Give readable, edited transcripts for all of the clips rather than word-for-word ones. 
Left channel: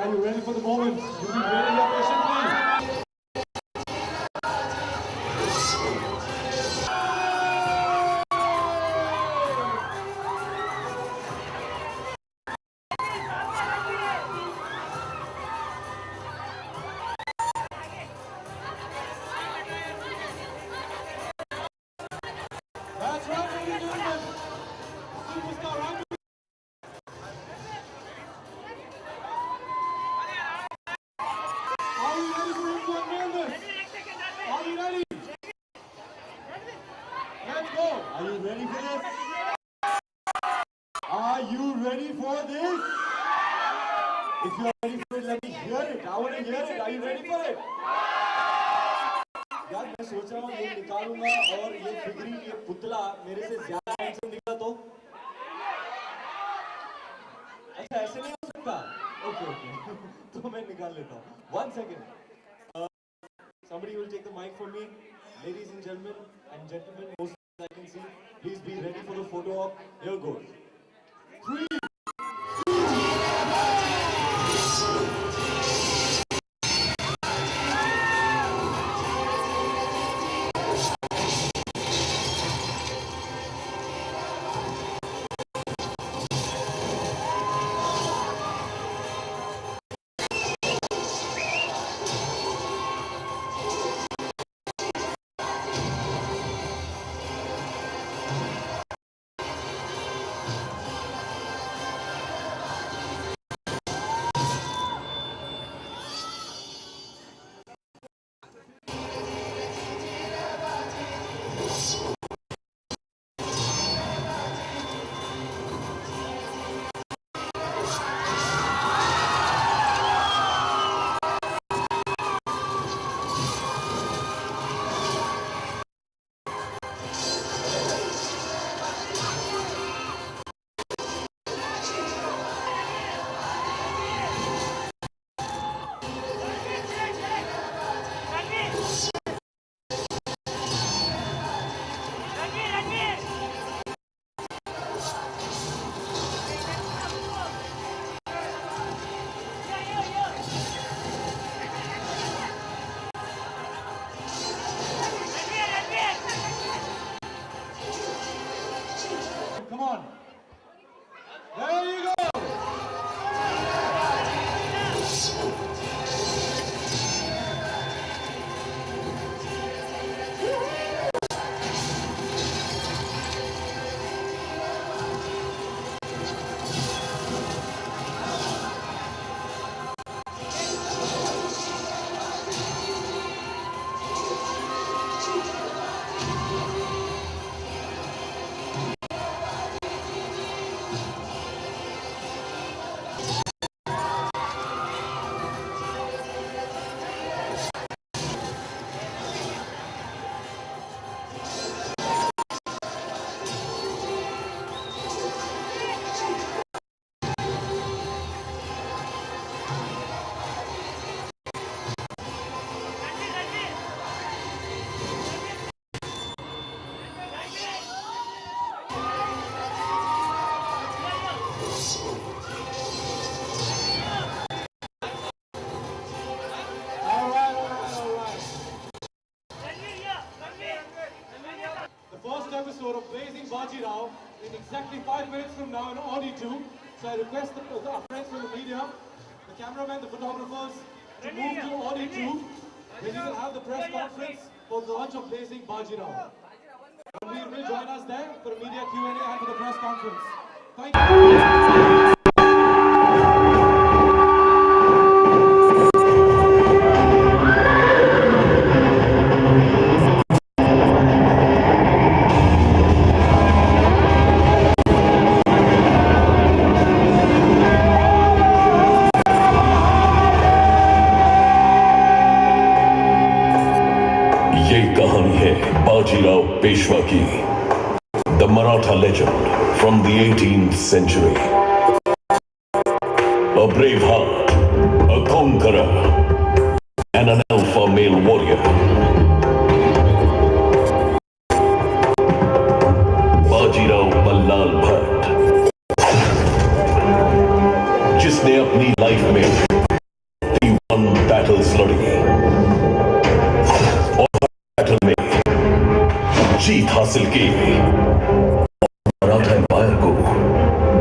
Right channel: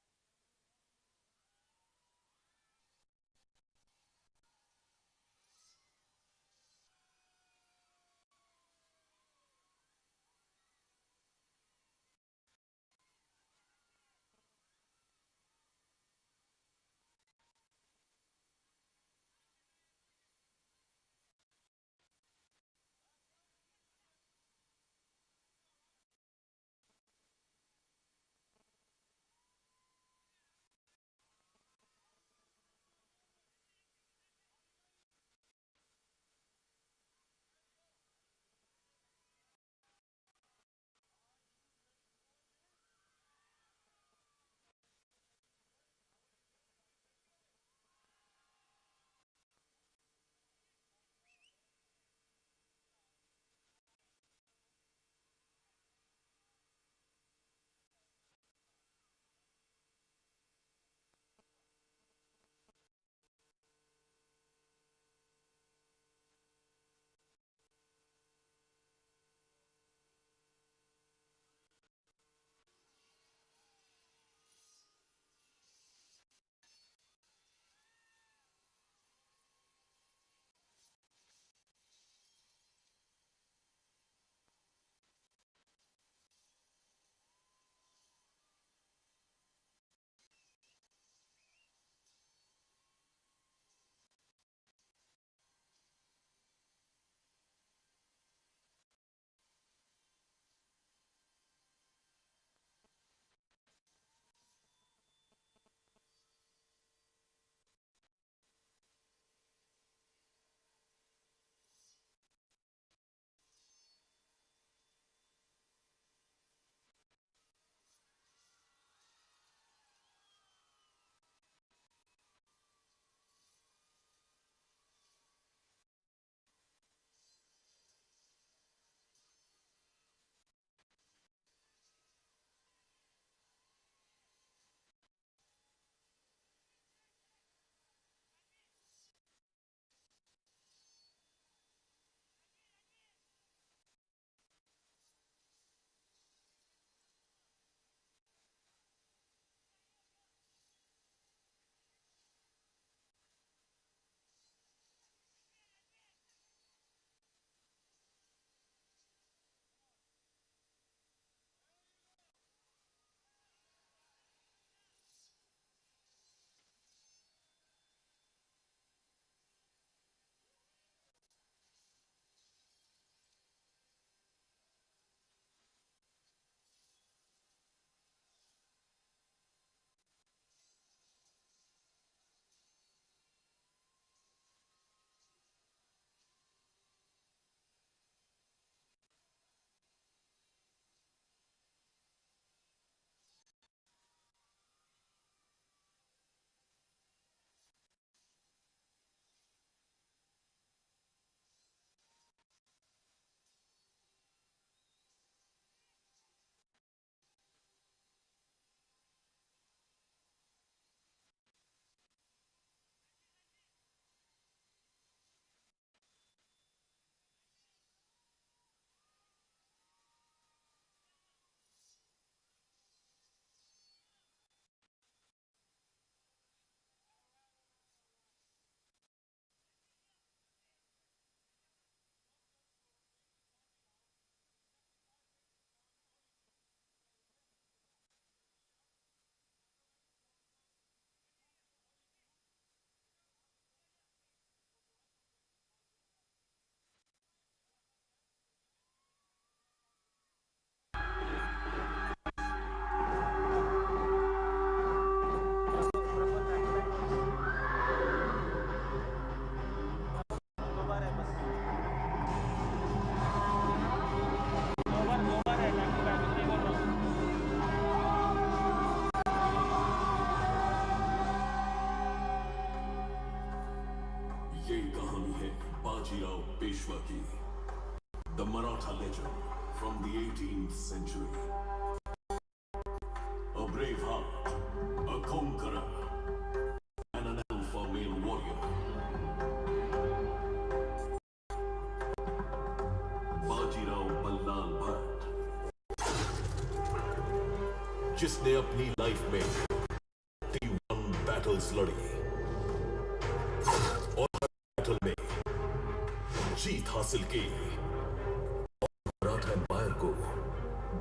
are you ready for the moment? You've been waiting here patiently. That's right, ladies and gentlemen. Superstar rugby. Are we ready for him to unveil this? Are we ready? Let's go. Are you ready for this? Are you ready for this? If you are ready for it, let me hear it. I want to hear it. Are you ready for it? यार मैं सोच रहा हूँ ये निकालूंगा और ये फिगरी ये पुतला मेरे से ज्यादा हैंडसम निकला तो अच्छा ऐसे नहीं हो सकता ओके ओके तो मैं निकाल लेता हूँ 1 second somebody will take the mic for me ladies and gentlemen most I can see please be ready for the photo op here goes 3 come on there you go episode of Blazing Bajirao in exactly 5 minutes from now in Audi 2. So I request our friends from the media, the cameramen, the photographers to move to Audi 2 where we will have the press conference for the launch of Blazing Bajirao. Ranveer will join us there for a media Q&A and for the press conference. Thank you. ये कहानी है बाजीराव पेशवा की the Maratha legend from the 18th century. A brave heart, a conqueror, and an alpha male warrior. Bajirao Ballal Bhatt, जिसने अपनी life में हासिल की, Maratha empire को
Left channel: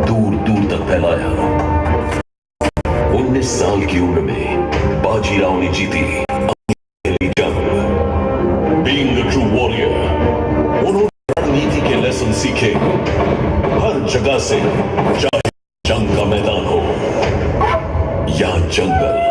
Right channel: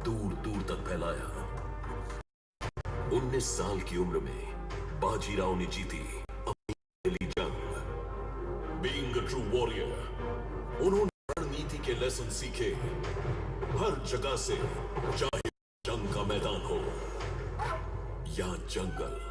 दूर दूर तक फैलाया। 19 साल की उम्र में बाजीराव ने जीती अपनी पहली जंग। बीइंग अ ट्रू वॉरियर, उन्होंने रणनीति के लेसन सीखे हर जगह से, चाहे जंग का मैदान हो या जंगल।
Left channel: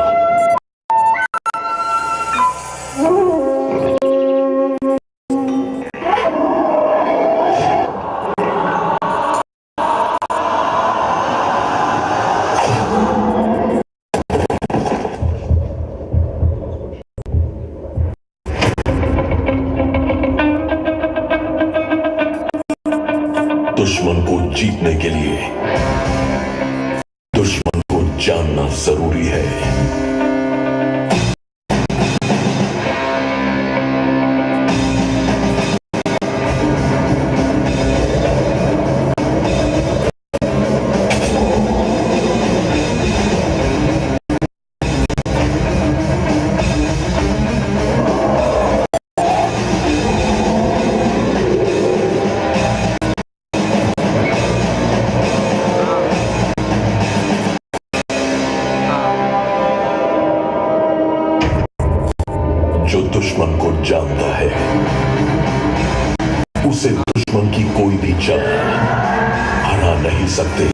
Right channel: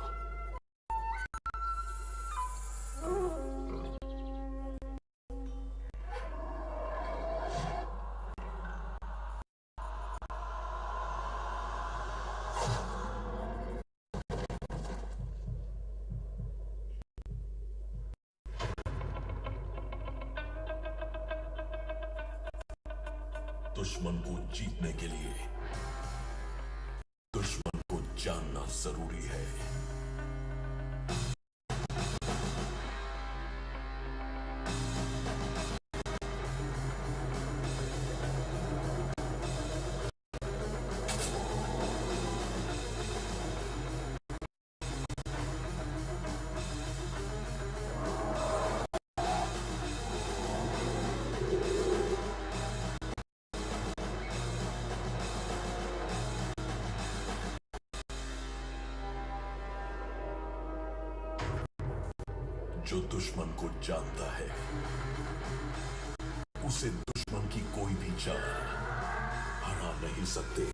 दुश्मन को जीतने के लिए दुश्मन को जानना जरूरी है। जो दुश्मन को जानता है, उसे दुश्मन की कोई भी चाल हरा नहीं सकते।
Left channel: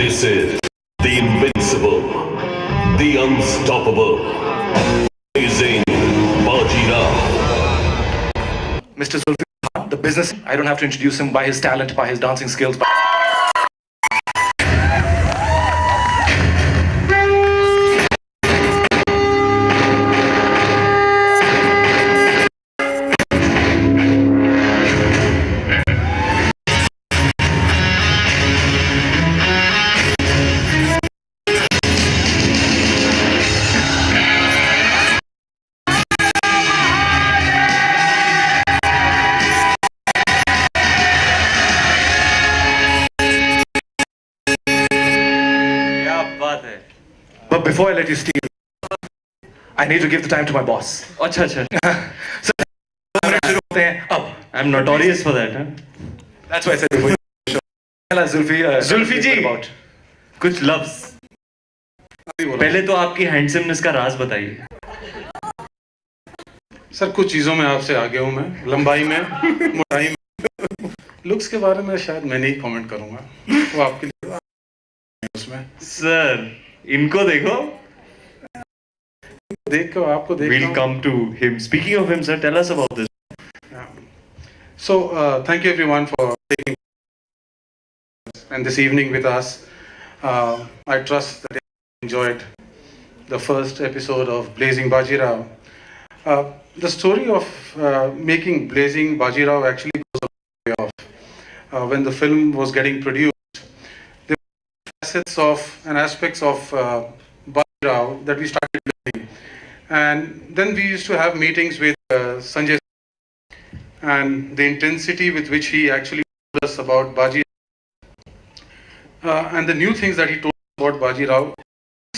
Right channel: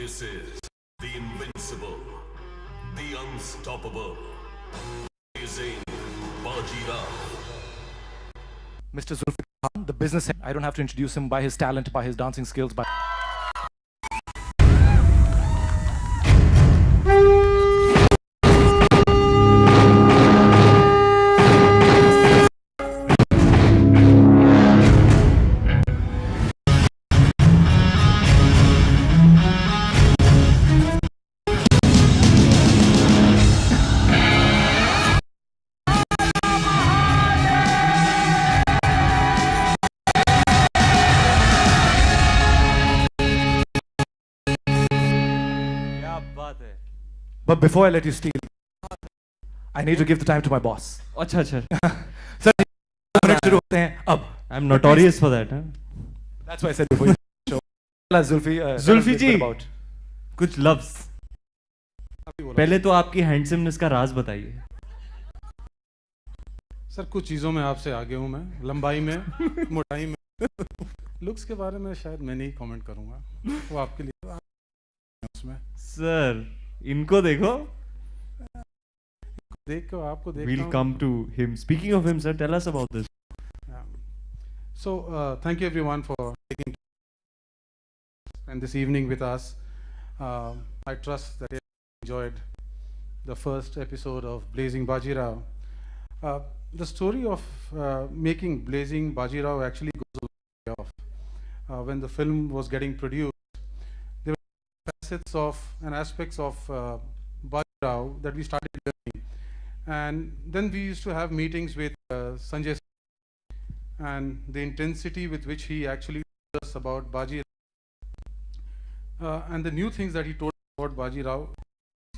This is the invincible, the unstoppable, amazing Bajirao. Mr. Zulfi, the business, I don't have to introduce him by his talent, by his dancing skills. But before I let you steal, I need to give the time to my boss. अच्छा अच्छा So, up. I'm notorious for that. Huh? That's why I said Zulfi. Zulfi ji. About. कुछ लफ्ज पहले तो आपकी handsomeness का राज बताइए। Sir कुछ चीज़ों में आपसे आगे हूँ मैं, लंबाई में, मोटाई में, लुक्स के बारे में शायद मैं नहीं कमेंट करूँगा, वो आपके लिए उसमें। सर इनको देखो, देख कर आपको देख। we'll come to him. Speaking of him, sir, tell us about this. So thank you everyone for taking and this evening with us. I trust that you enjoyed the first episode of Blazing Bajirao. The story of making Blazing Bajirao actually goes a way off. When the film was getting produced, there were facets of and aspects of Bajirao that we started learning. And then we used to have meetings with Sanjay, and the intensity with which he actually told us about Bajirao and the new things that he told us about Bajirao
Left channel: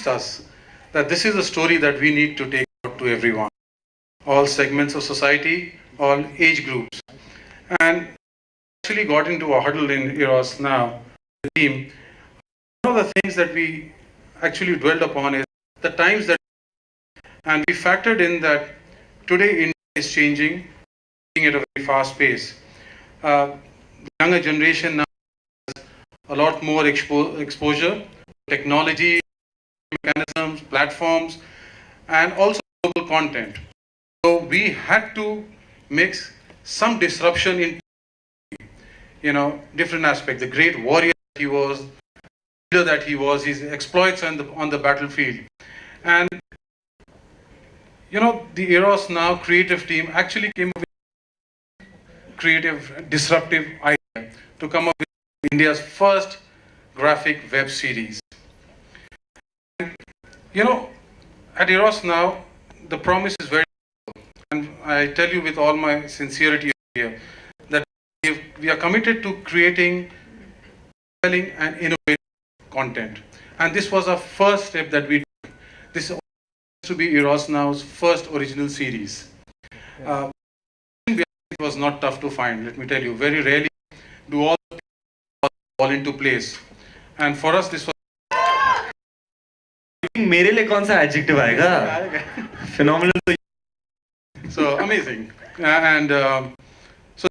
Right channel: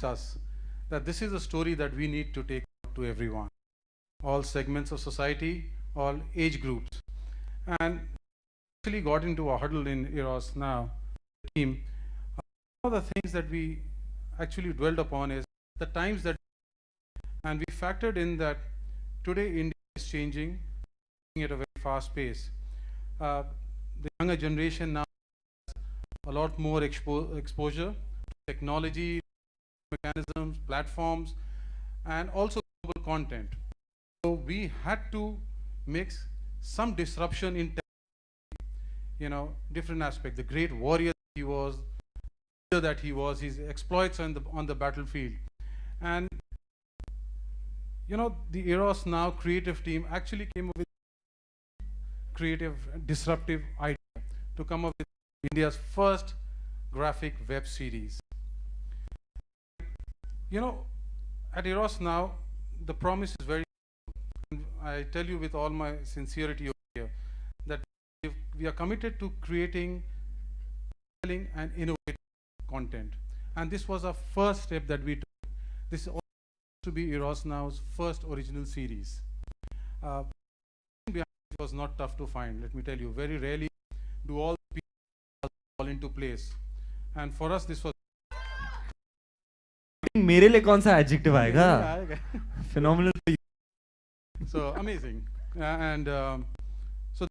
us that this is a story that we need to take out to everyone, all segments of society, all age groups. And actually got into a huddle in Eros now, the team. One of the things that we actually dwelled upon is the times that, and we factored in that today India is changing at a very fast pace. The younger generation now has a lot more exposure, technology, mechanisms, platforms, and also global content. So we had to mix some disruption in, different aspects. The great warrior that he was, leader that he was, his exploits on the battlefield, and the Eros Now creative team actually came up with creative, disruptive idea to come up with India's first graphic web series. And, at Eros Now, the promise is very simple, and I tell you with all my sincerity here that we are committed to creating compelling and innovative content. And this was our first step that we took. This to be Eros Now's first original series. It was not tough to find, let me tell you. Very rarely do all fall into place. And for us, this was मेरे लिए कौन सा adjective आएगा? Phenomenal. so amazing. And so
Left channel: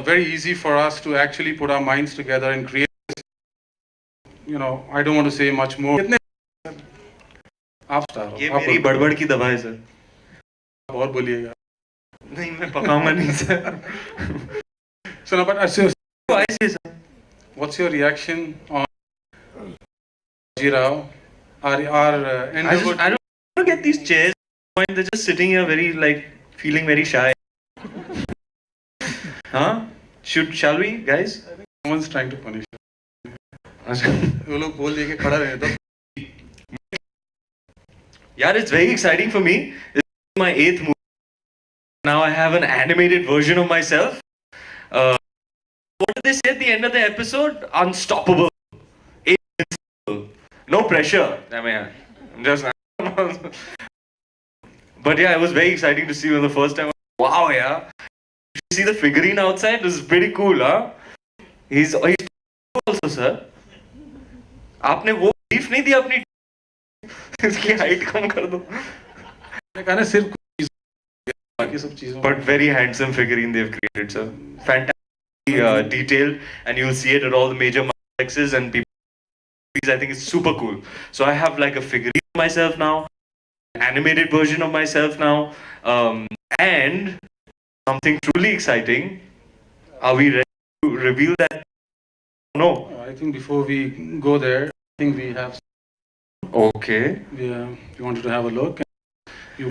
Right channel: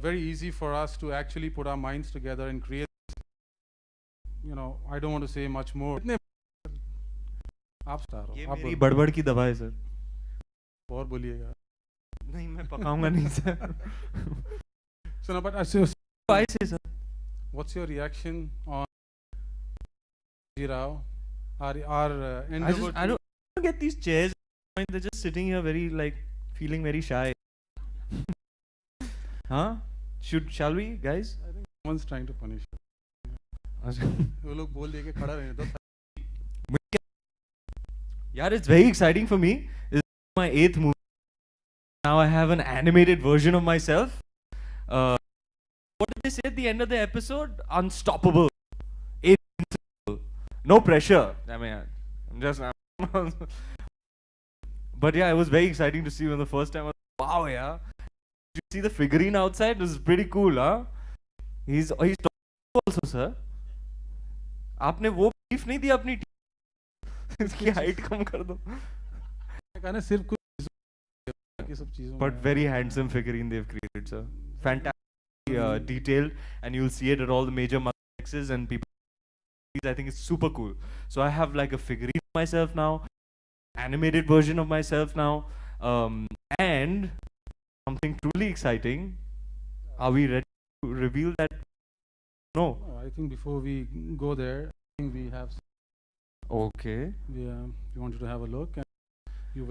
very easy for us to actually put our minds together and create. You know, I don't want to say much more. आप star हो, ये आप मेरी बोलो। बड़बड़ की दवा है सर। और बोलिएगा। नहीं मैं पकाऊंगा नहीं sir. So now, but Why is it? what's your reaction on Bajirao? Our I don't get these chairs. They're just sitting here very like feeling very shy. Huh? Shall we, guys? someone's trying to punish us. वो लोग बोल दिए कि खड़ा रहे तो Yeah, it's very exciting for me. This is my 8th movie. Now I have an animated version of myself. What did they say at the end of the episode? Unstoppable. Invincible. No pressure. I mean, I'm just. But yeah, it was very exciting to see you for the first time. Wow, yeah. Did you see the figurine outside? It was pretty cool, huh? He's also, sir. आपने वो brief नहीं दी अपनी इसकी height कम कर दो. मैंने कहा ना सिर्फ बाकी सब चीजों But very handsome figurine they've created, sir. Fantastic detailed, and you'll see it at all the major multiplexes and people. I think it's super cool. So I have like a figurine of myself now, animated version of myself now, and something truly exciting. Are we ready to reveal that? No. I think before we go there, I think we have. Okay. Yeah, you wanted to have a look. You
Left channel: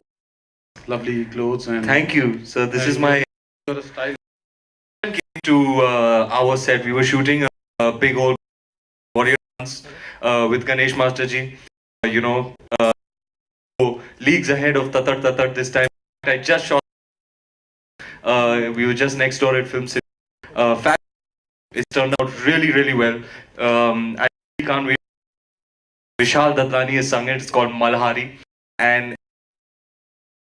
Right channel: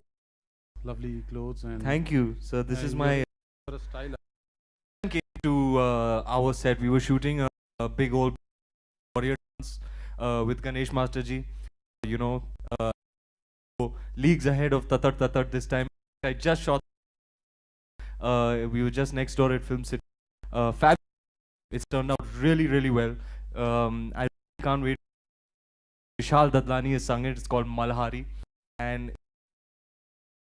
lovely clothes and. Thank you. So this is my. Your style. To our set, we were shooting a big old warrior dance with Ganesh Masterji. Leagues ahead of Tatar this time. I just shot. We were just next door at Film City. It turned out really, really well. I can't wait. Vishal Dadlani has sung it. It's called Malhari, and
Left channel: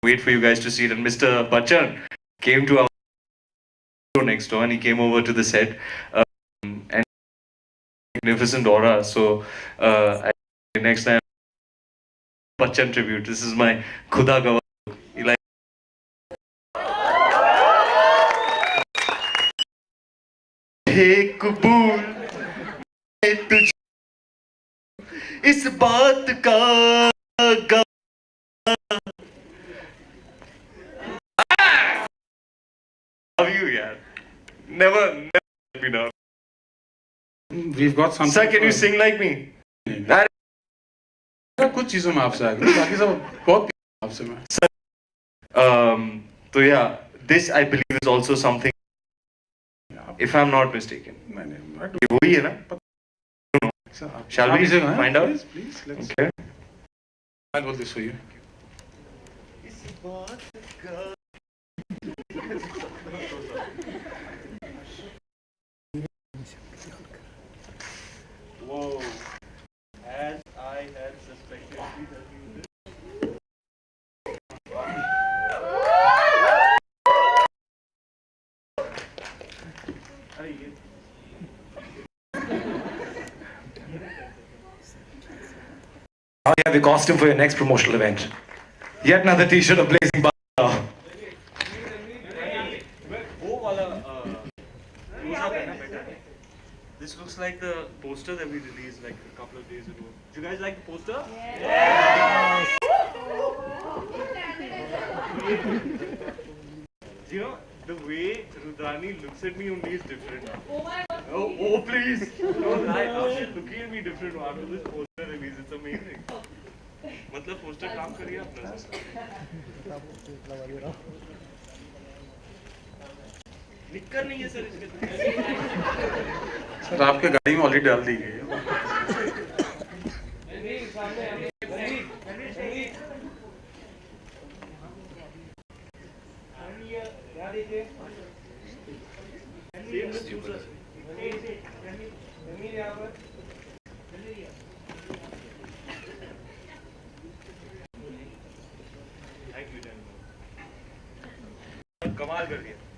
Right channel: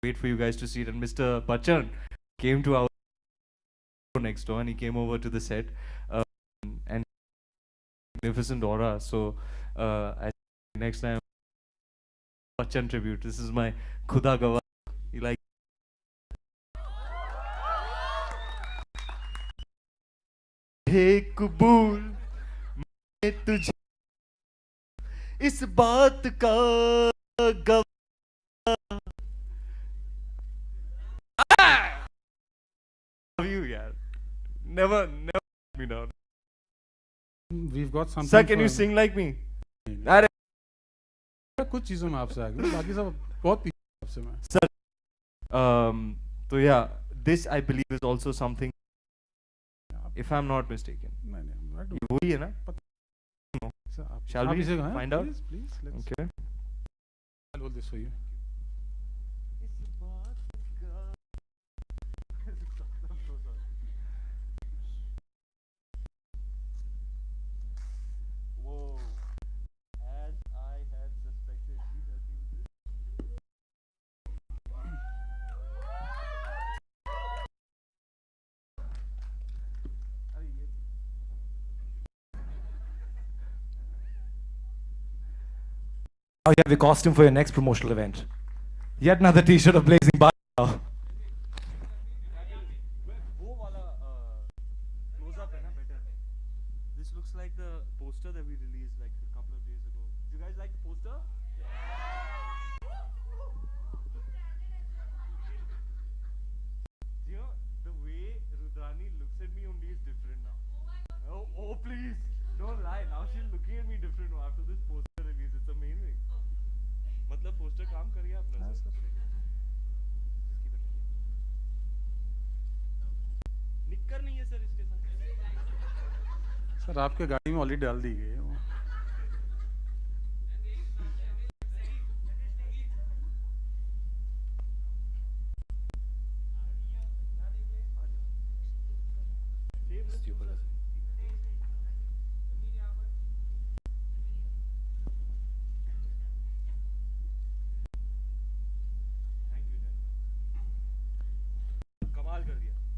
wait for you guys to see it. And Mr. Bachchan came to our next door and he came over to the set and magnificent aura. So next time Bachchan tribute. This is my Khuda Gawar. You like hey कबूल मैं तुझे इस बात का Love you, yeah. Never let me down. We've got something. Sir, can you sing like me? कुछ चीजों में आपसे आगे बाकी सब बहुत आपसे मैं. So yeah, this I believe is also something. If I'm not mistaken. ये वही है ना? Shall we find out? Please, let's. Okay. I'll hold this for you. Whoa. As I had suspected, Now you have the costume for your next promotional event. Yet another t-shirt of Blazing Bajirao. This looks like the poster that we released like a couple of days ago. Do you guys like the poster? Yes! You know, the way Rudrani looks at me only is different. Oh please! No, now she's looking at me different after this poster release. It's amazing. मतलब poster काम करिए आपने से. निकल नहीं है sir इसके. Sir आपके गाड़ी में ऑलरेडी डाल दी गई है.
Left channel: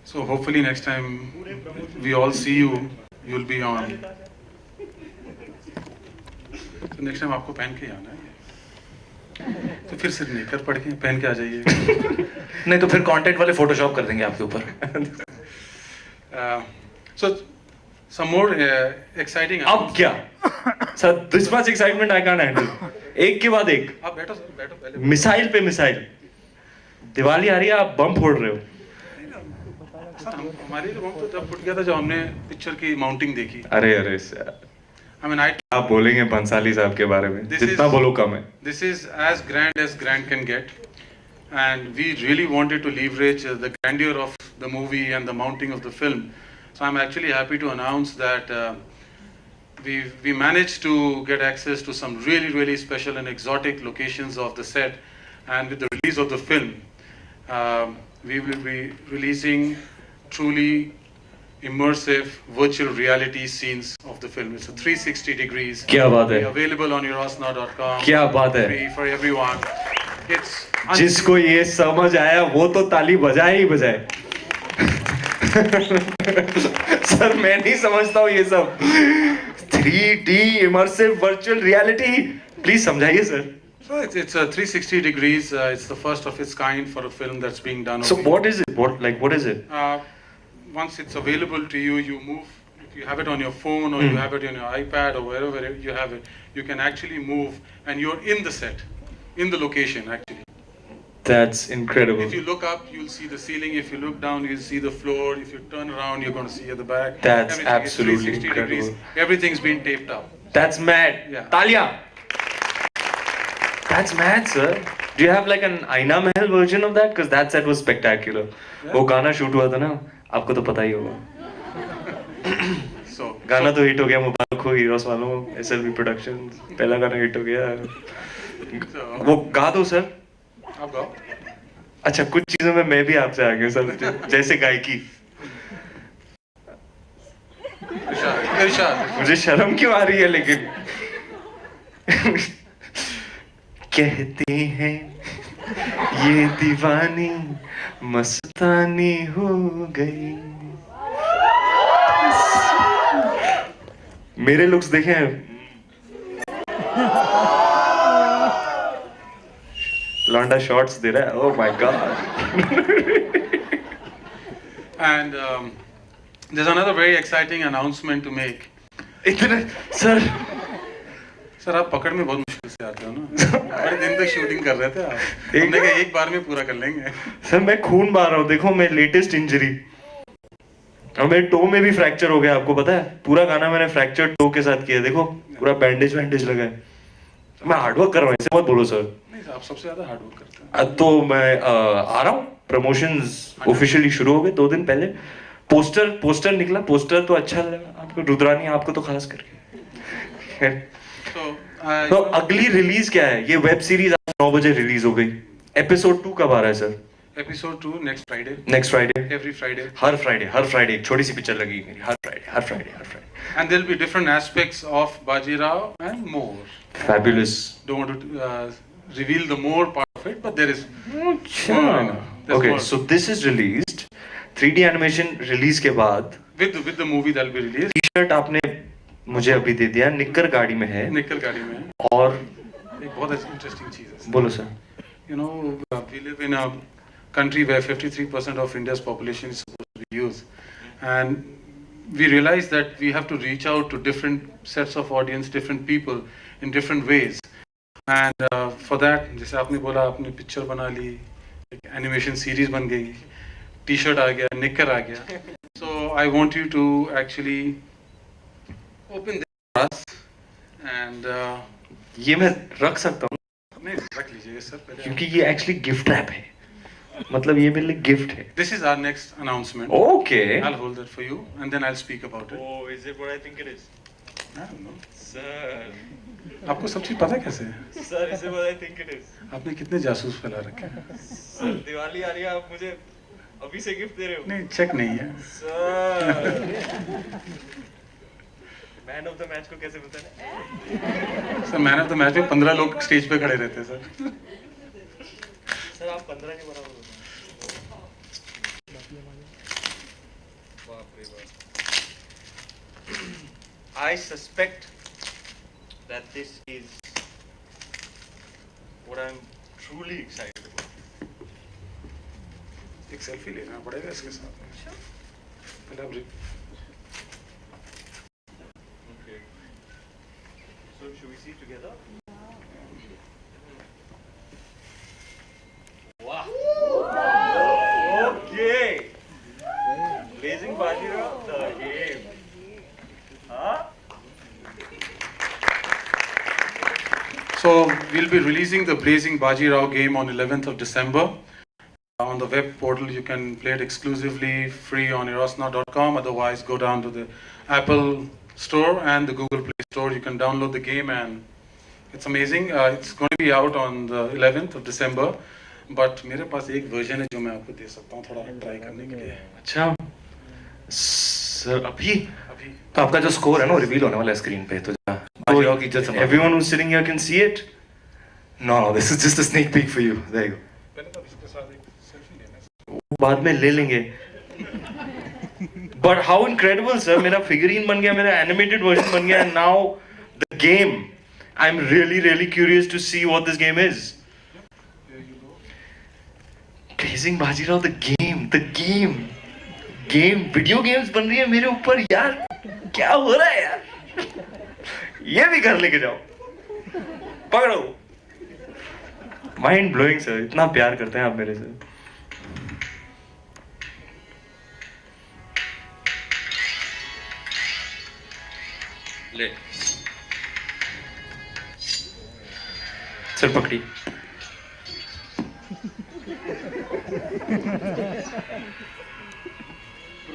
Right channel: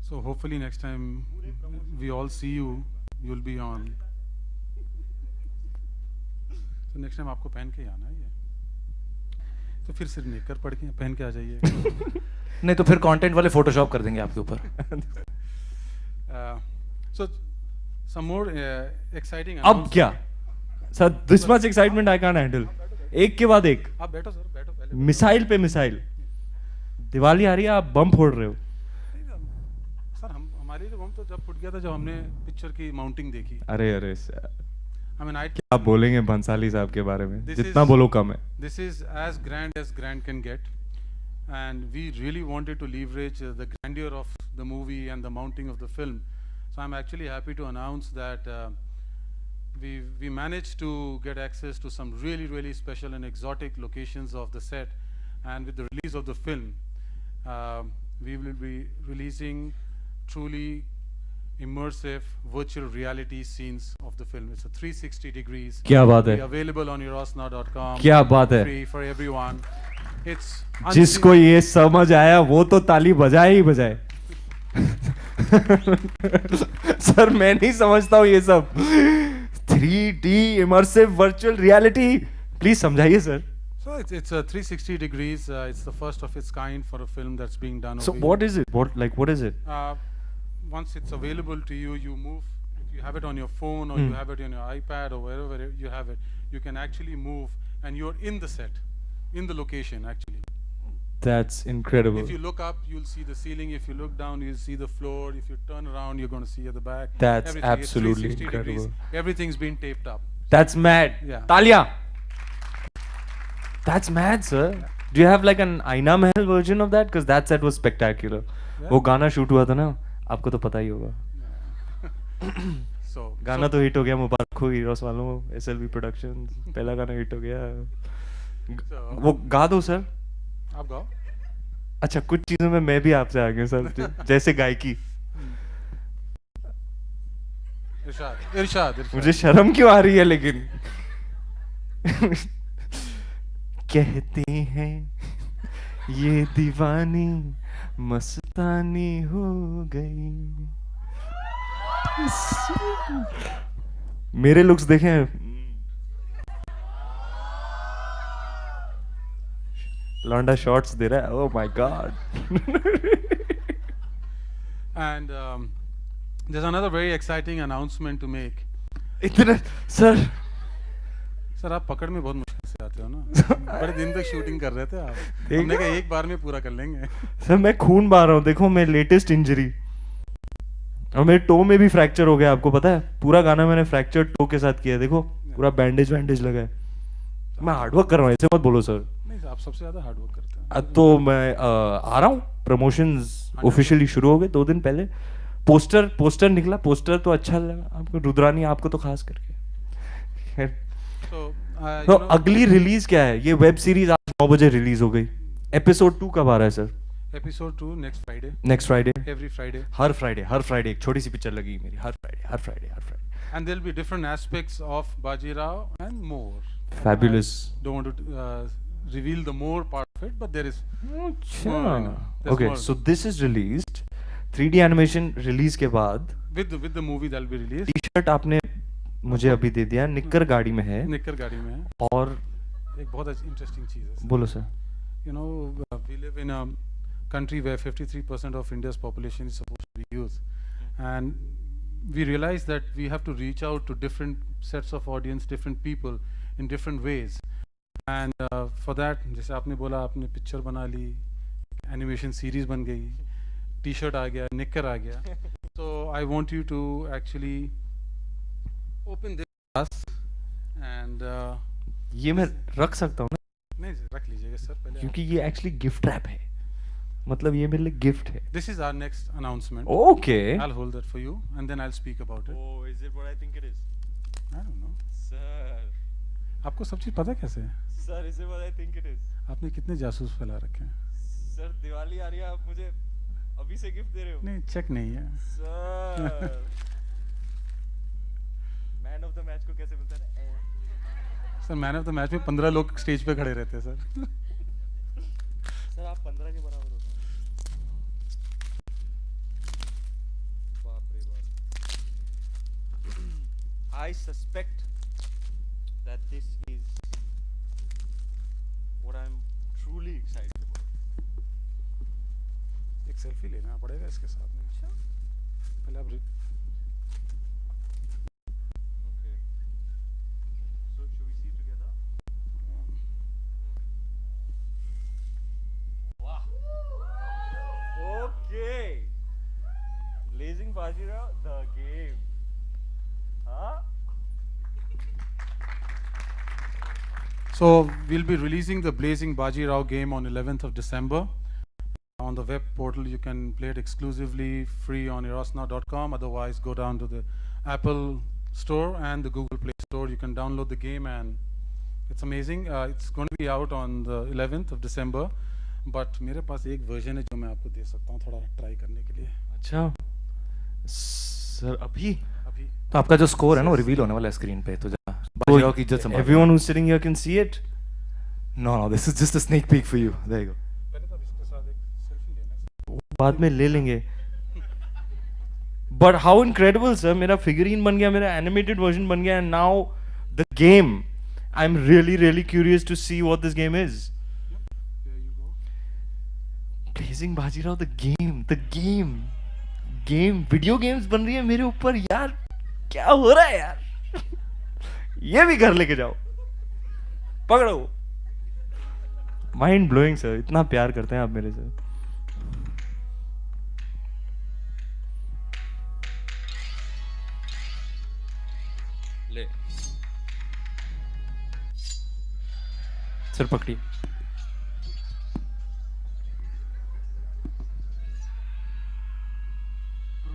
So hopefully next time we all see you, you'll be on. तो नेक्स्ट टाइम आपको पहन के आना है, तो फिर सिर्फ निकर पड़ के पहन के आ जाइए. नहीं तो फिर कंटेंट वाले फोटोशॉप कर देंगे आपके ऊपर. So some more exciting. अब क्या sir, this much excitement I can handle. एक के बाद एक, आप बैठो सर, बैठो पहले. मिसाइल पे मिसाइल. दिवाली आ रही है, आप बम फोड़ रहे हो. हमारे रूम तो तब फुट गया था जब हमने पिक्चर की माउंटिंग देखी. अरे सर, I mean, आप बोलेंगे बंसाली साहब के बारे में, This जितना is- बोलो कम है. This is as grand can get, and we really wanted to leverage the grandeur of the movie and the mounting of the film. So I'm actually happy to announce that we managed to get access to some really special and exotic locations of the set, and with the release of the film, we will be releasing truly immersive virtual reality scenes of the film. It's a 360 degrees. क्या बात है. Available on eurosnow.com. क्या बात है. Free for everyone. It's जिसको ये समझ आया वो तो ताली बजाए ही बजाए. सर मैं नहीं समझता हूँ ये सब. 3D immersive virtual reality, please समझाइए sir. So it's a 360 degrees. It's the first of its kind for a film that's being done. So what is it? What is it? Once it's available to you, you move. If you have it on your phone or you have it on your iPad or wherever you have it, you can actually move, and you're in the set, in the location actually. That's incredible. If you look up, you'll see the ceiling. If you look down, you'll see the floor. If you turn around, you're going to see at the back. That's Everything is absolutely 360 degrees. incredible. Everything's been taped up. That's mad. Yeah. तालियां. That's mad, sir. Do you have like an Aina Mahal version of that? Because that set was spectacular. वो गाना shoot हुआ था ना, आपको तो पता ही होगा. So गाना तो हिट हो गया, मुबारक हो हीरोस वालों को. SLV Productions पहला गाना हिट हो गया. वो गा दो सर. अब गाओ. अच्छा, कुछ चीजों में मैं भी आपसे आगे सर, जैसे गायकी. इरशाद. मुझे शर्म क्यों आ रही है लेकिन. कहते हैं ये दीवानी मस्तानी हो गई. मेरे लुक्स देखें. लौंडा शॉट्स दे रहा है. Oh my God. And there's another very exciting announcement to make. इतना सर. सर आप पकड़ में बहुत मुश्किल से आते हो ना. बड़े दिन तक शूटिंग कर रहे थे आप. हम लोग एक बार में पूरा कर लेंगे. सर मैं खून मार रहा हूँ. देखो मैं लेटेस्ट इंजरी, हमें टो में भी फ्रैक्चर हो गया. आपको पता है, पूरा गाना मैंने फ्रैक्चर टो के साथ किया. देखो पूरा बैंडेज लगा है. मैं हार्डवर्क कर रहा हूँ, ऐसे मत बोलो सर. आप सबसे ज्यादा हार्ड वर्क करते हैं. तो मैं आ रहा हूँ. प्रमोशंस ऑफिशियली शुरू हो गए 2 दिन पहले. पोस्टर निकला. पोस्टर तो अच्छा लगा आपको, रुद्रानी आपको तो खास करके. तो अगली रिलीज क्या है? ये वेब सीरीज आज 9 बजे रिलीज हो गई. एपिसोड 2 कब आ रहा है sir? Episode 2 next Friday. Next Friday. Every Friday. हर फ्राइडे एक छोटी सी पिक्चर लगी मेरी. हर Friday. And there'll be different aspects of Baji Rao and more. Fabulous. Don't want to reveal the more part of it, but there is more in it. There's Okay, more. so this is released. 3D animation release के बाद with the movie that'll be released. T-shirt आपने मुझे अभी दे दिया. निकर गाड़ी में है. निकल गाड़ी में. और एक बहुत इंटरेस्टिंग चीज है. बोलो sir. You know, we live in a country where 53% of India's population is supposed to be youth, and we realize that we have to reach out to different sets of audience, different people in different ways. And for that, जैसे आपने बोला, आपने picture बना ली, animation series बन गई, T-shirt आ गया, निकर आ गया. So I want you to actually open this glass and ये मैं रख सकता हूँ नहीं रख लीजिए सर पहले. क्योंकि ये एक्चुअली गिफ्ट रैप है. मतलब ये मेरे लिए गिफ्ट है. This is our next announcement. Okay. I'll hold that for you, and then I'll speak about it. Oh, is it what I think it is? I don't know. Sir. आपको सब चीज पता कैसे है? Sir, is it what I think it is? आपने कितने जासूस फैला रखे हैं? Sir, दिवाली आ रही है, आप मुझे अभी से गिफ्ट दे रहे हो? नहीं, चेक नहीं है. Sir. Man of the match match को कैसे बताने? Sir man of the match में 15 लोग स्टेज पे खड़े रहते हैं सर. सर आप 15 के बराबर हो. बाप रे बाप. I suspect that this is what I'm truly excited about. एक सेल्फी लेना पड़ेगा इसके साथ में. Okay. So should we see together? Wow. Okay. Blazing Bajirao, the game. Huh? So we'll be releasing the Blazing Bajirao game on 11th of December. On the web portal, you can play it exclusively free on erosnow.com. Otherwise, go down to the Apple Store and the Google Play Store. You can download the game, and it's amazing. It's going to be out on the 11th of December. But मेरे पास एक version है जो मैं आपको दे सकता हूँ थोड़ा try करने के लिए. अच्छा सर अभी अभी तो आपका जो स्कोर है वो रिवील होने वाला है स्क्रीन पे तो बाजीराव की जैसे everyone who's sitting here can see it. No, this is just a sneak peek for you. There you go. पहले तो इसके साथ एक selfie लेना है. बाद में ले लेंगे. But how incredible sir, मेरा figurine बन गया, मेरा animated version बन गया, and now the game. I'm really curious to see what this game is. Blazing Bajirao, the game. Video games बन रही है मेरे ऊपर यार, क्या हो रहा है यार? ये भी घर लेके जाओ, पकड़ो. Mind blowing sir, इतना प्यार करते हैं आप मेरे से. ले सर पकड़ी.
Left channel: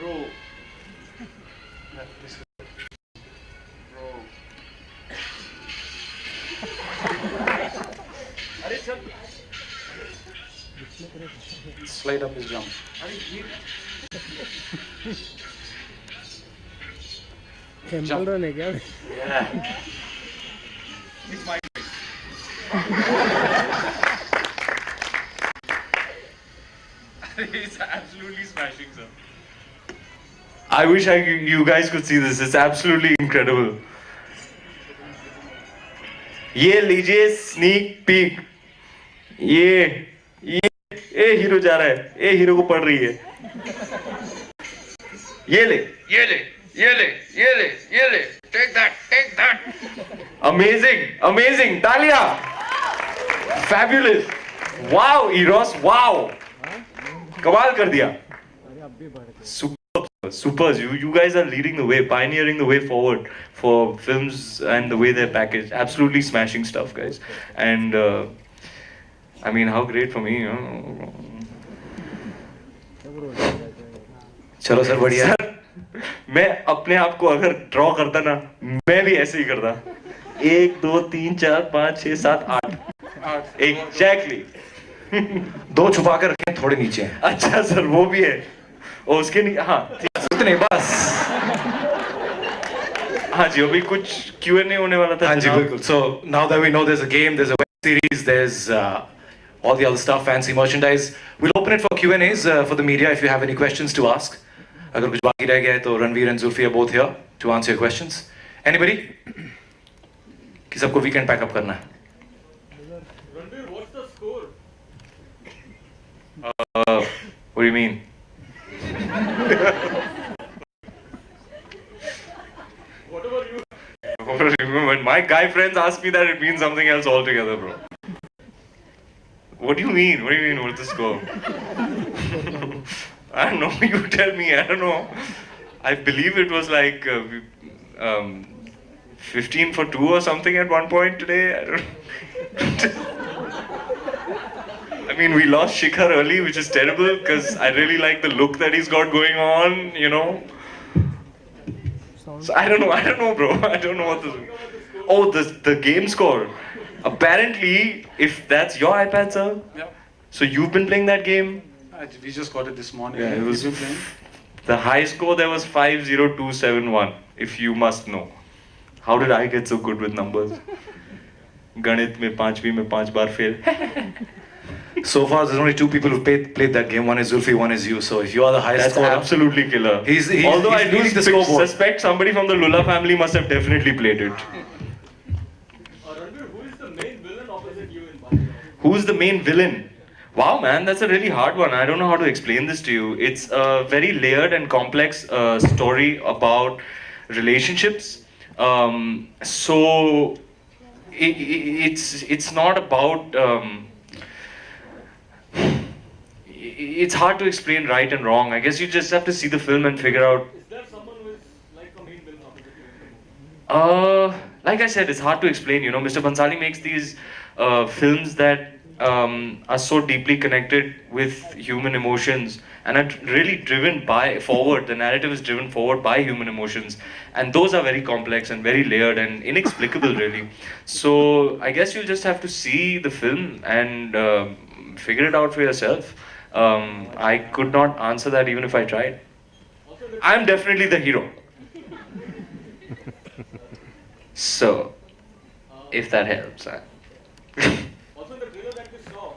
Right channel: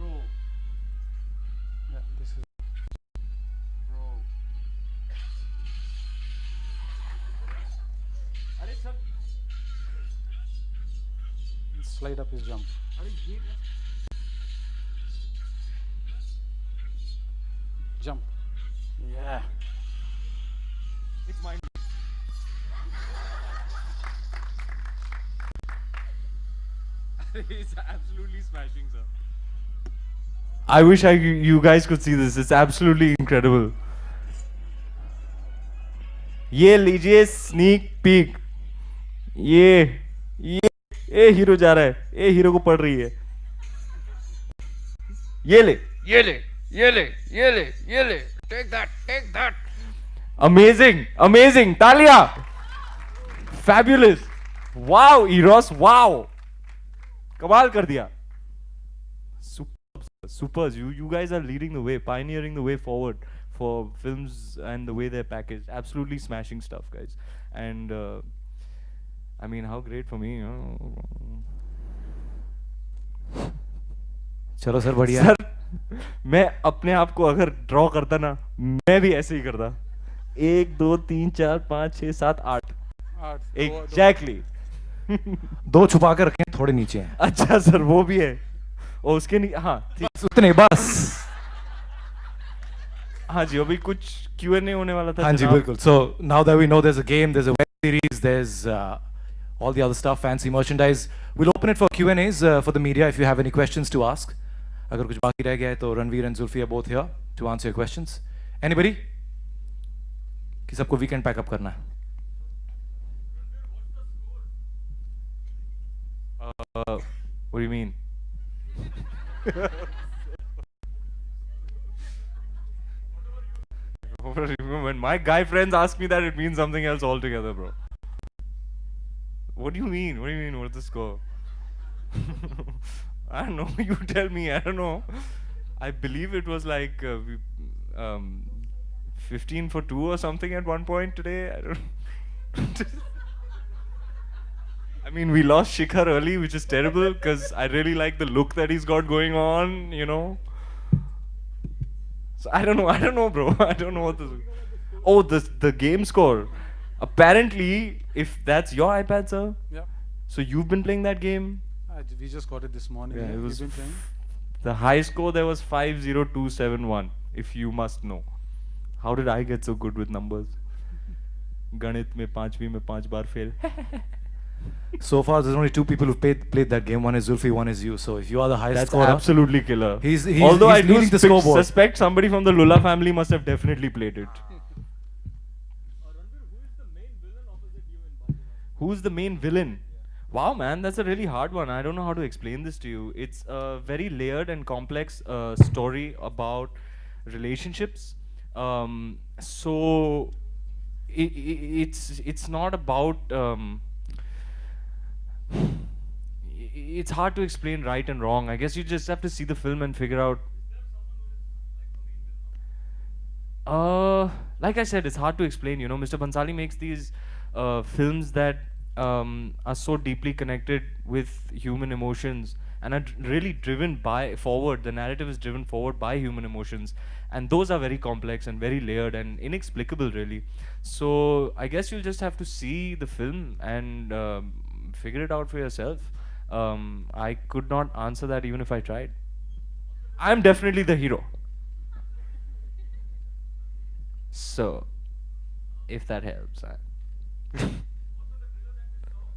Bro. अरे sir Slide up his jump. खेल रहे हैं क्या? He's absolutely smashing, sir. I wish you guys could see this. It's absolutely incredible. ये लीजिए स्नीक पीक. ये हीरो जा रहा है. ये हीरो को पड़ रही है. ये ले. Take that. Amazing. तालियां. Fabulous. Wow, Eros. Wow. कमाल कर दिया. Super. You guys are leading the way, pioneering the way forward for films and the way they're packaged. Absolutely smashing stuff, guys. And I mean, how great for me. चलो sir बढ़िया. मैं अपने आप को अगर ड्रॉ करता ना, मैं भी ऐसे ही करता. 1 2 3 4 5 6 7 8 एग्जैक्टली. 2 छुपा कर रखें थोड़े नीचे. अच्छा सर वो भी है. और उसके हाँ उतने बस. हाँ जी अभी कुछ Q&A होने वाला था. हाँ जी बिल्कुल. So now that we know there's a game, there's a web series, there's all the other stuff, fancy merchandise. We'll open it for Q&As for the media if you have any questions to ask. अगर कुछ बाकी रह गया है तो Ranveer and Zulfi are both here to answer your questions. Anybody? कि सबको weekend pack up करना है. Ranveer, what's the score? What do you mean? Whatever you When my guy friends ask me that, it means something else altogether, bro. What do you mean? What do you mean? What's the score? I don't know. You tell me. I don't know. I believe it was like 15 for 2 or something at one point today. I don't. I mean, we lost Shikhar early, which is terrible because I really like the look that he's got going on. You know. So I don't know, bro. I don't know what the. Oh, the game score. Apparently, if that's your iPad, sir. Yeah. So you've been playing that game. We just got it this morning. Yeah, it was. Did you play? The high score there was 50271. If you must know. How did I get so good with numbers? गणित में 5वीं में 5 बार fail. So far, there's only two people who played that game. One is Zulfi, one is you. So if you are the highest That's scorer, absolutely killer. he's Although I do the scoreboard. suspect somebody from the Lula family must have definitely played it. Who's the main villain? Wow, man, that's a really hard one. I don't know how to explain this to you. It's a very layered and complex story about relationships. So it's not about. It's hard to explain right and wrong. I guess you just have to see the film and figure out. Is there someone who is like a main villain opposite you? Like I said, it's hard to explain. You know, Mr. Bhansali makes these films that are so deeply connected with human emotions and are really driven forward. The narrative is driven forward by human emotions, and those are very complex and very layered and inexplicable, really. So I guess you just have to see the film and figure it out for yourself. I could not answer that even if I tried. I'm definitely the hero. So, if that helps. Also, the trailer that we saw,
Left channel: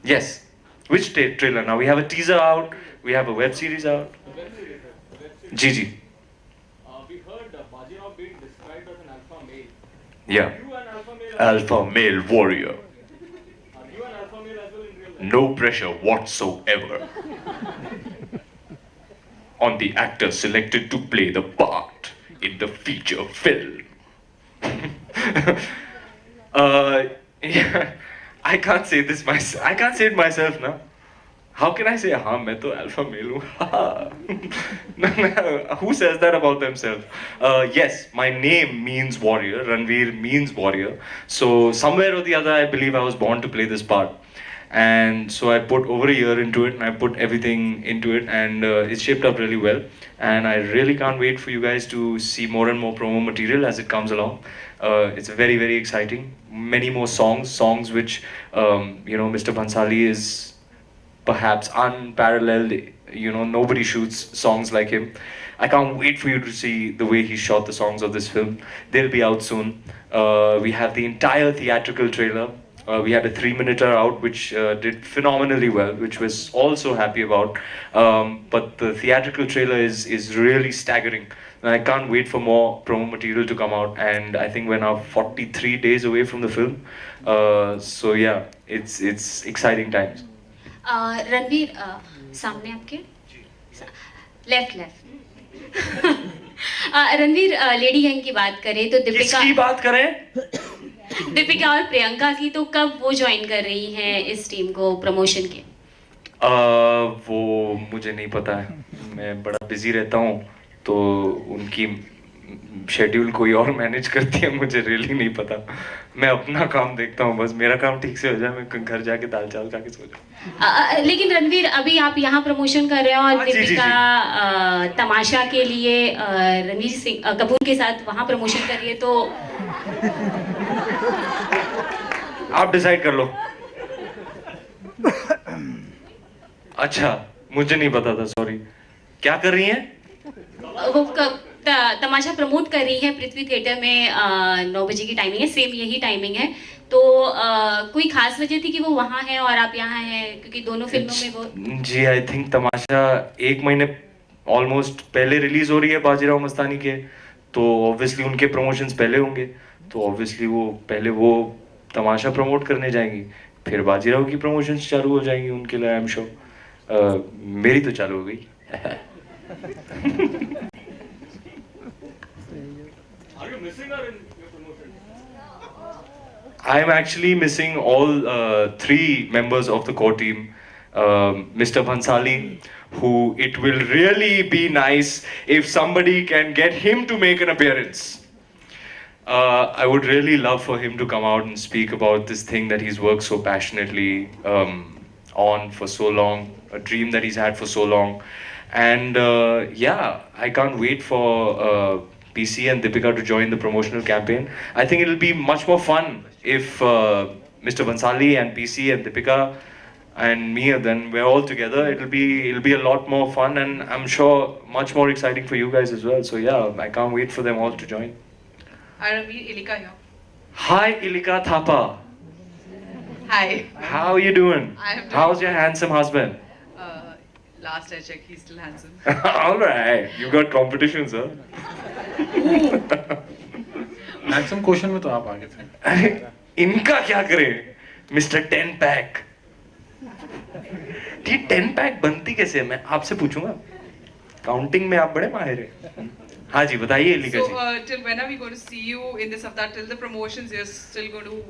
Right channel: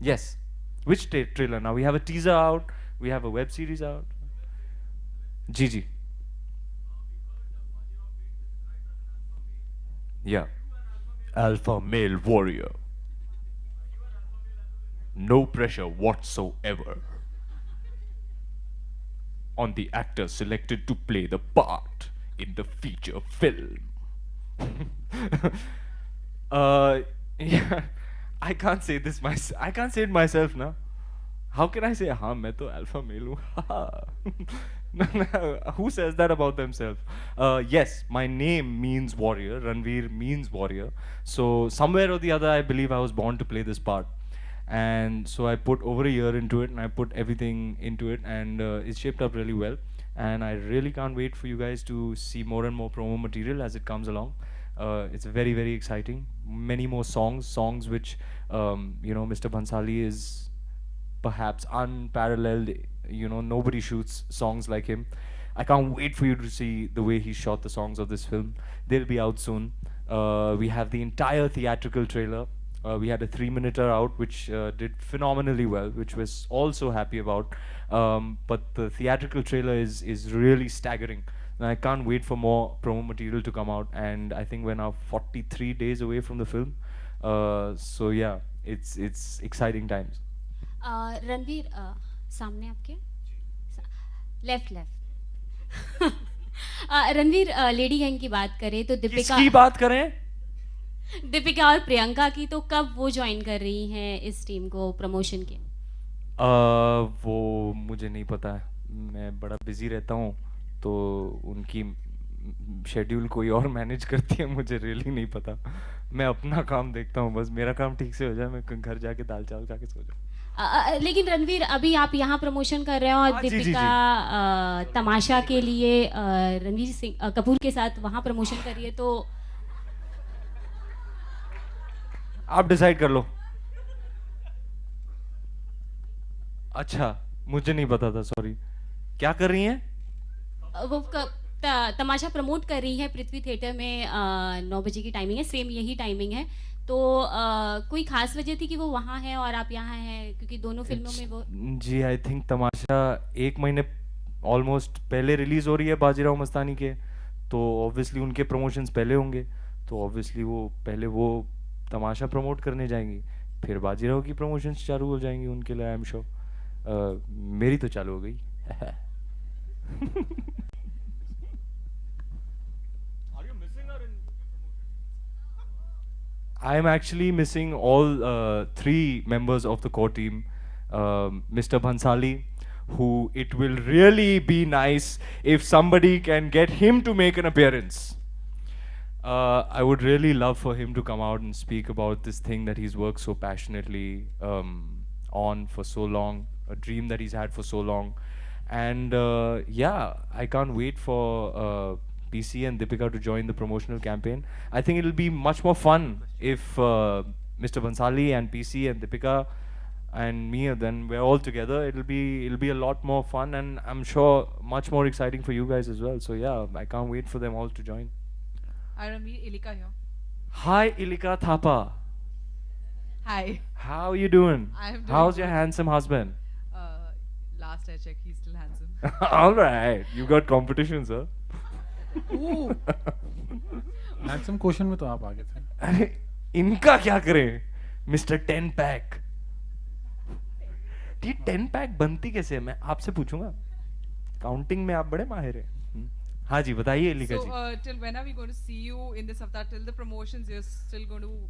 Yes. Which trailer now? We have a teaser out, we have a web series out. the web series, Gigi. we heard Bajirao being described as an alpha male. Yeah. Are you an alpha male? Alpha male warrior. Are you an alpha male as well in real life? No pressure whatsoever on the actor selected to play the part in the feature film. Yeah, I can't say this myself. I can't say it myself now. How can I say, हाँ मैं तो alpha male हूँ? Who says that about themselves? Yes, my name means warrior. Ranveer means warrior. So somewhere or the other, I believe I was born to play this part. And so I put over a year into it. I put everything into it, and it's shaped up really well. And I really can't wait for you guys to see more and more promo material as it comes along. It's very, very exciting. Many more songs which Mr. Bhansali is perhaps unparalleled. You know, nobody shoots songs like him. I can't wait for you to see the way he shot the songs of this film. They'll be out soon. We have the entire theatrical trailer. We had a 3-minute out which did phenomenally well, which was also happy about. But the theatrical trailer is really staggering. And I can't wait for more promo material to come out. And I think we're now 43 days away from the film. So yeah, it's exciting times. Ranveer सामने आपके left Ranveer lady gang की बात करें तो किसकी बात करें? दीपिका और प्रियंका की, तो कब वो ज्वाइन कर रही हैं इस टीम को प्रमोशन के? वो मुझे नहीं पता है, मैं बड़ा बिजी रहता हूँ, तो उनकी शेड्यूल कोई और मैनेज करती है, मुझे रियली नहीं पता। मैं अपना काम देखता हूँ, बस मेरा काम ठीक से हो जाए, मैं घर जाके दाल चावल खा के सो जाऊँ। लेकिन रणवीर अभी आप यहाँ प्रमोशन कर रहे हो और जी, दीपिका तमाशा के लिए रणवीर सिंह कपूर के साथ वहाँ प्रमोशन कर रही है, तो आप डिसाइड कर लो। अच्छा, मुझे नहीं पता था, सॉरी। क्या कर रही हैं? वो तमाशा प्रमोट कर रही है पृथ्वी थिएटर में। 9 बजे की टाइमिंग है, सेम यही टाइमिंग है, तो कोई खास वजह थी कि वो वहाँ है और आप यहाँ हैं, क्योंकि दोनों फिल्मों में वो। जी, आई थिंक तमाशा 1 महीने ऑलमोस्ट पहले रिलीज हो रही है बाजीराव मस्तानी के, तो ऑब्वियसली उनके प्रमोशंस पहले होंगे, तो ऑब्वियसली वो पहले वो तमाशा प्रमोट करने जाएंगी, फिर बाजीराव की प्रमोशंस चालू हो जाएंगी उनके लिए, आई एम श्योर। मेरी तो चालू हो गई। Are you missing her in your promotion? I am actually missing all 3 members of the core team. Mr. Bhansali, who it will really be nice if somebody can get him to make an appearance. I would really love for him to come out and speak about this thing that he's worked so passionately on for so long, a dream that he's had for so long. And yeah, I can't wait for PC and Deepika to join the promotional campaign. I think it'll be much more fun if Mr. Bhansali and PC and Deepika and Mia, then we're all together. It'll be a lot more fun, and I'm sure much more exciting for you guys as well. So yeah, I can't wait for them all to join. Hi Ranveer, Ilika here. Hi, Ilika Thapa. Hi. How are you doing? I'm How's your handsome husband? Last I checked, he's still handsome. All right, you got competition, sir. Maximum question में तो आप आगे थे. अरे इनका क्या करे mister 10 pack. ये 10 पैक बनती कैसे है? मैं आपसे पूछूंगा. काउंटिंग में आप बड़े माहिर हैं. हाँ जी बताइए लिखा So, ji. till when are we going to see you in this avatar? Till the promotions, you're still going to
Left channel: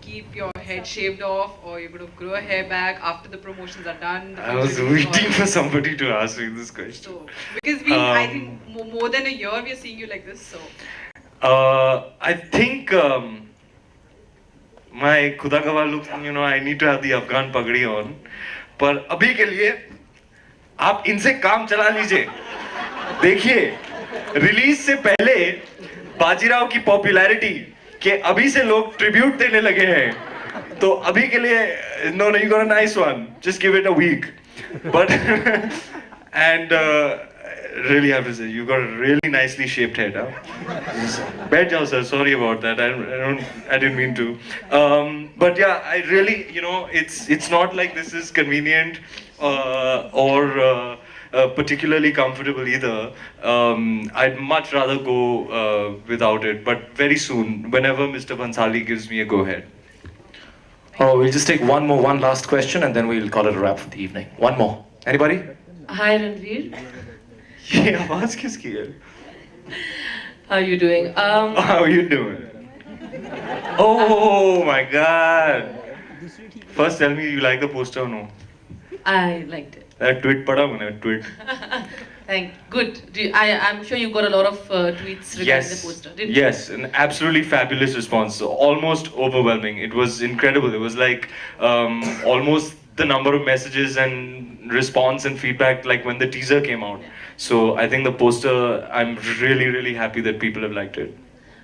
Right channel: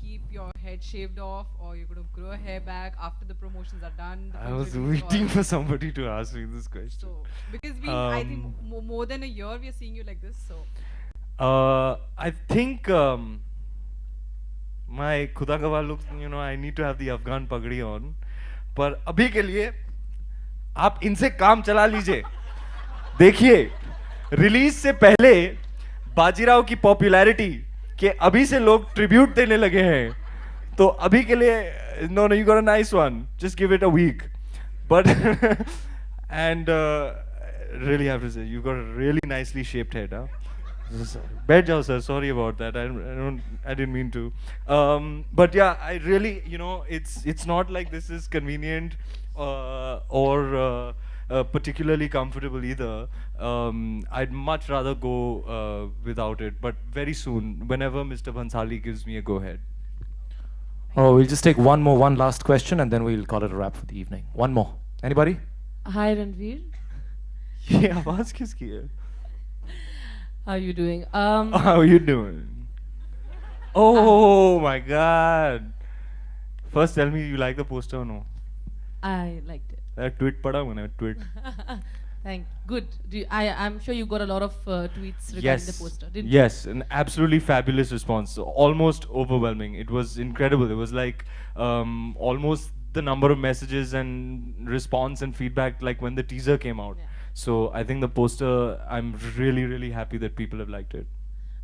keep your head shaved off, or you're going to grow hair back after the promotions are done? I was waiting for somebody to ask me this question. So, because I think more than a year we are seeing you like this. So, I think my खुदा का look, I need to have the Afghan पगड़ी on. पर अभी के लिए आप इनसे काम चला लीजिए. देखिए रिलीज से पहले बाजीराव की पॉपुलैरिटी के अभी से लोग ट्रिब्यूट देने लगे हैं. तो अभी के लिए no, you got a nice one. Just give it a week. But and really have to say you got a really nicely shaped head. Better, sir. Sorry about that. I didn't mean to. But yeah, I really, it's not like this is convenient or particularly comfortable either. I'd much rather go without it. But very soon, whenever Mr. Bhansali gives me a go ahead. Oh, we'll just take one last question, and then we'll call it a wrap for the evening. One more. Anybody? Hi Ranveer, ये आवाज किसकी है? how are you doing? How are you doing? Oh my God! First, tell me you like the poster or no? I liked it. That tweet पढ़ा मैंने tweet. Good. I'm sure you got a lot of tweets regarding the poster. Didn't you? Yes, an absolutely fabulous response. Almost overwhelming. It was incredible. It was like almost the number of messages and response and feedback like when the teaser came out. So I think the poster, I'm really, really happy that people have liked it.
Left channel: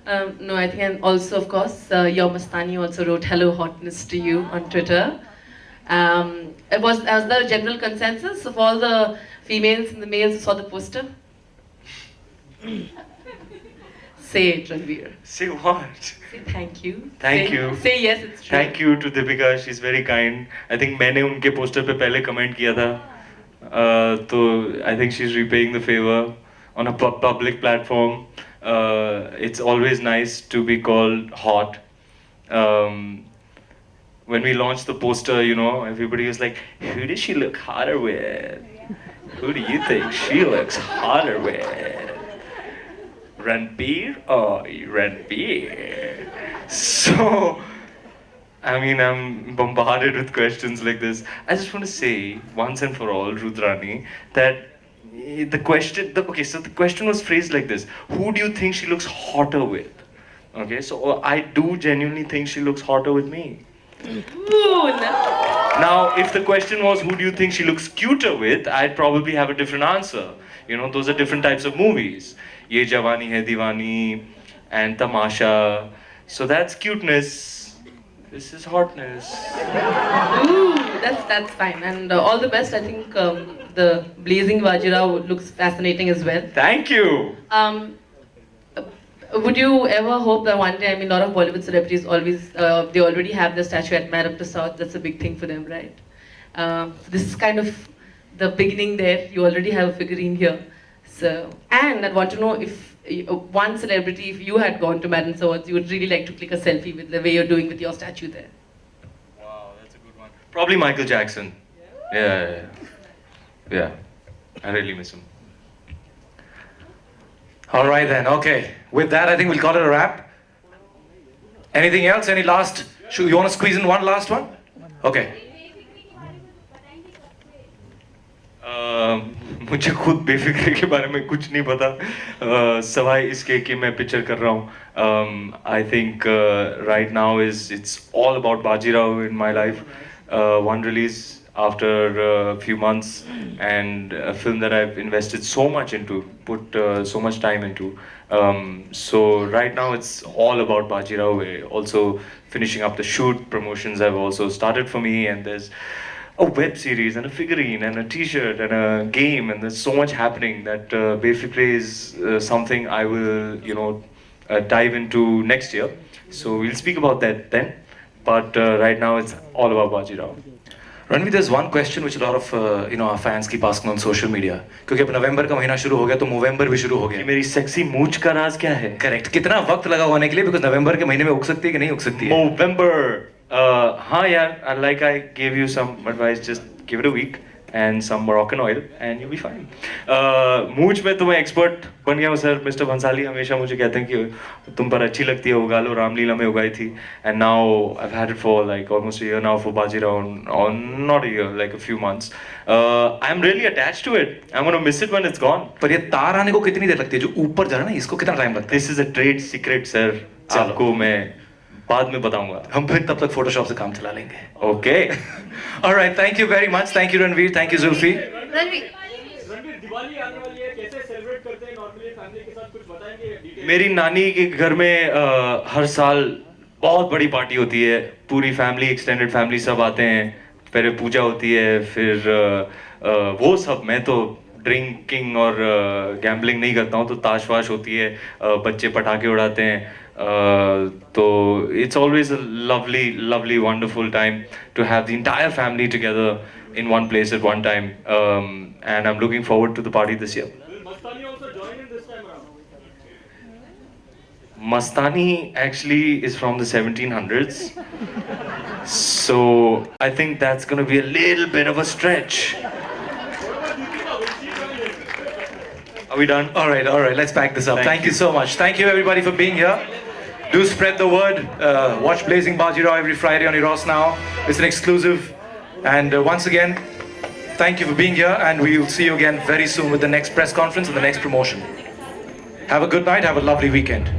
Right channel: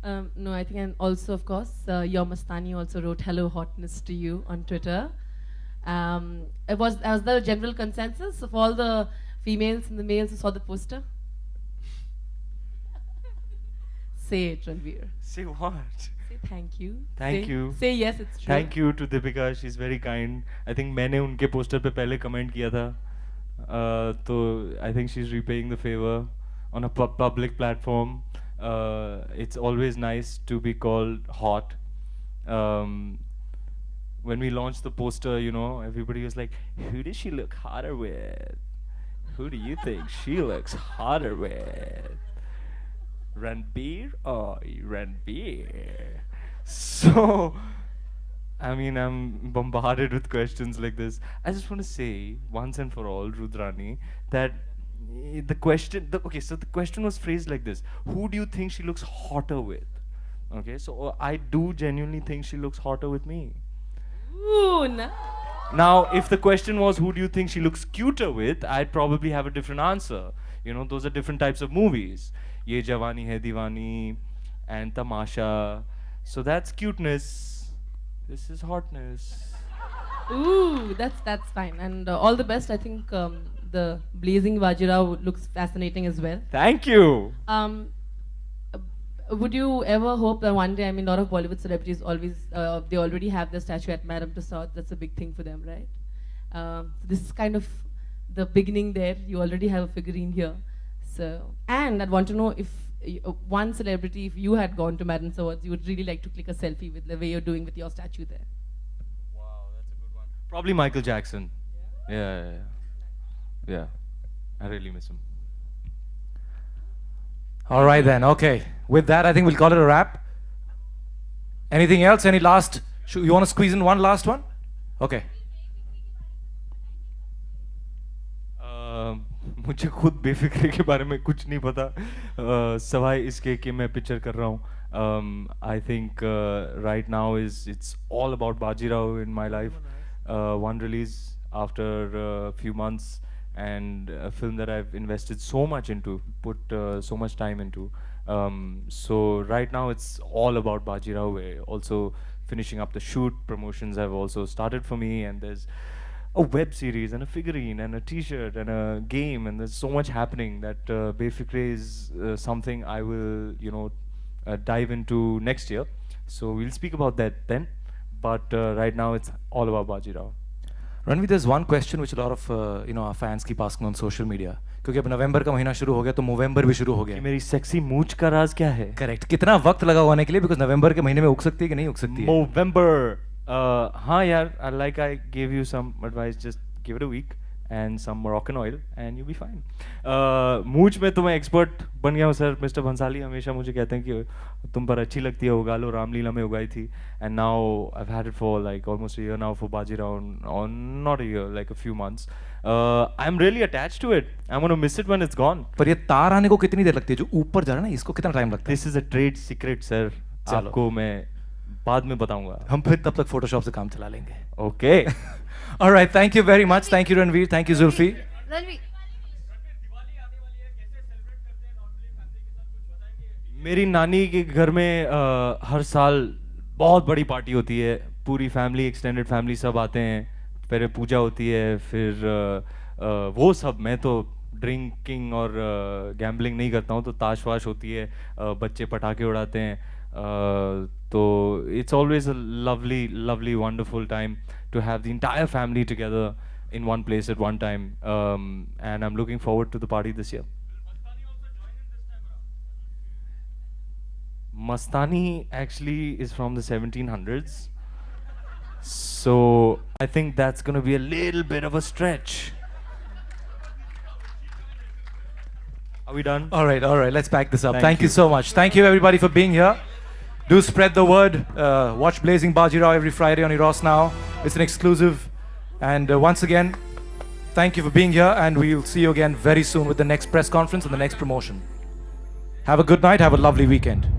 No, I think, and also, of course, Yaw Mastani also wrote "Hello Hotness" to you on Twitter. It was as the general consensus of all the females and the males who saw the poster. Say it, Ranveer. Say what? Say thank you. Thank say, you. Say yes, it's true. Thank you to Deepika. She's very kind. I think मैंने उनके poster पे पहले comment किया था. तो I think she's repaying the favor on a public platform. It's always nice to be called hot. When we launched the poster, everybody was like, who does she look hotter with? Who do you think she looks hotter with? Ranveer? Oh, Ranveer. So, I mean, I'm bombarded with questions like this. I just want to say, once and for all, Rudrani, that the question was phrased like this. Who do you think she looks hotter with? Okay, so I do genuinely think she looks hotter with me. Now, if the question was who do you think she looks cuter with, I'd probably have a different answer. Those are different types of movies. Ye Jawani Hai Diwani and Tamasha. So that's cuteness. This is hotness. Ooh, that's fine. And all the best. I think the Blazing Bajirao looks fascinating as well. Thank you. Would you ever hope that one day, I mean, a lot of Bollywood celebrities always, they already have the statue at Man of the South. That's a big thing for them, right? This is kind of the beginning there. You already have a figurine here. So, and I want to know if one celebrity, if you had gone to Madden Swords, you would really like to click a selfie with the way you're doing with your statue there. Wow, that's a good one. Probably Michael Jackson. Yeah. I really miss him. All right then. Okay. With that, I think we'll call it a wrap. Anything else? Any last? You want to squeeze in one last one? Okay. मुझे खुद बेफिक्री के बारे में कुछ नहीं पता सवाई इसके कि मैं पिक्चर कर रहा हूँ. I think right now it's all about Bajirao in my life. One release after a few months and a film that I've invested so much into, put so much time into. So right now it's all about Bajirao. We're also finishing up the shoot. Promotions have also started for me, and there's a web series and a figurine and a T-shirt and a game, and there's so much happening that Bay Free Play is something I will, dive into next year. So we'll speak about that then. But right now it's all about Bajirao. Ranveer, there's one question which a lot of our fans keep asking on social media. क्योंकि अब नवंबर का महीना शुरू हो गया तो नवंबर भी शुरू हो कि गया. मेरी सेक्सी मूंछ का राज क्या है? करेक्ट. कितना वक्त लगा होने के लिए, बिकॉज नवंबर के महीने में उग सकती है कि नहीं उग सकती है? November. हाँ यार, like I gave you some advice, just give it a week and some Moroccan oil and you'll be fine. मूंछ में तो मैं एक्सपर्ट बन गया हूँ सर. मिस्टर भंसाली हमेशा मुझे कहते हैं कि तुम पर अच्छी लगती है, उगा लो. रामलीला में उगाई थी. And now I've had it for like almost a year now for Bajirao, or not a year, like a few months. I'm really attached to it. I'm going to miss it when it's gone. पर ये तार आने को कितनी देर लगती है? जो ऊपर जा रहा है ना, इसको कितना टाइम लगता है? This is a trade secret, sir. आपको मैं बाद में बताऊंगा. हम फिर तब तक फोटोशॉप से काम चला लेंगे. Okay. All right, thank you very much. Thank you Ranveer, thank you Zulfi. मेरी नानी के घर में हर साल बहुत बड़ी पार्टी होती है. पूरी फैमिली, एक्सटेंडेड फैमिली सब आते हैं. फिर पूजा होती है. फिर वो सब, मैं तो ड्रिंकिंग और गैम्बलिंग नहीं करता हूँ. तो ताश वाश होती है, बच्चे पटाखे उड़ाते हैं. So it's always a lovely, wonderful time to have the entire family together in one place at one time, and I'm looking forward to the party this year. Will Mastani also join in this time around? Mastani actually is from the 1700s, so I think that's going to be a little bit of a stretch. Are we done? All right, let's pack this up. Thank you so much. Thank you everybody for being here. Do spread the word. Watch Blazing Bajirao every Friday on Eros Now. It's an exclusive. And once again, thank you for being here, and we will see you again very soon with the next press conference and the next promotion. Have a good night. Have a lovely weekend.